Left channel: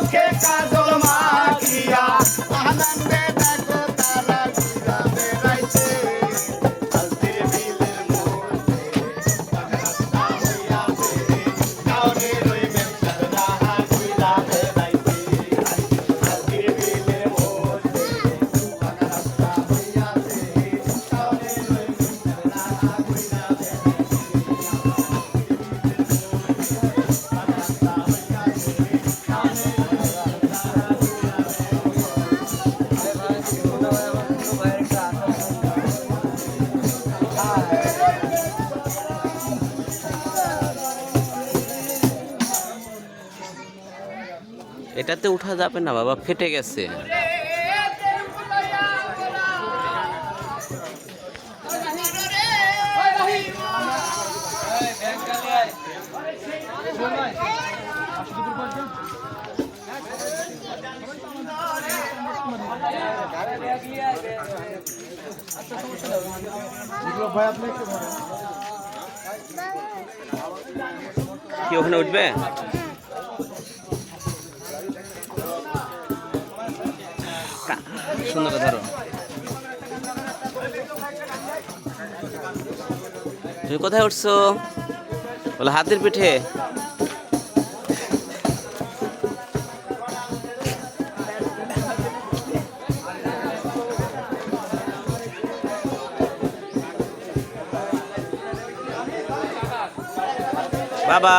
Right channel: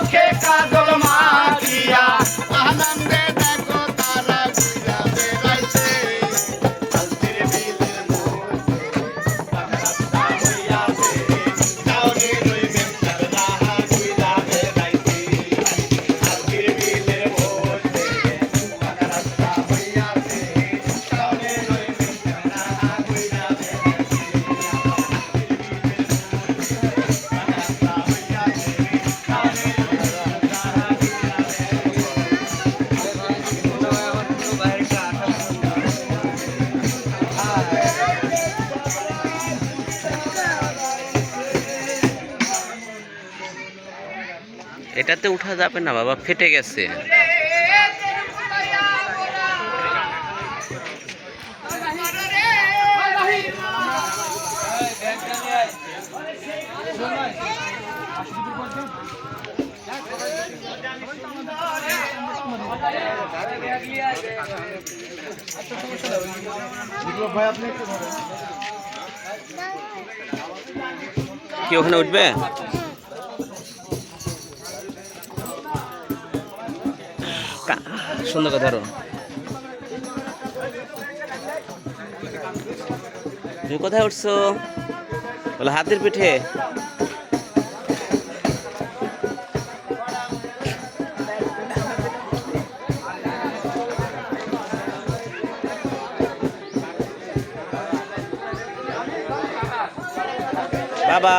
চোখে কাজল মাখিয়া আনন্দে দেখো তারা ঘুরা বেড়াইছে হলদির বিলের এটাতে উঠা যাবে না বাবা, ফেটে গেছে। কি ওখানে উঠবে? সুন্দর কথা। তুমি কোথায় উঠছো? বলে হাতের পিঠে। বাবা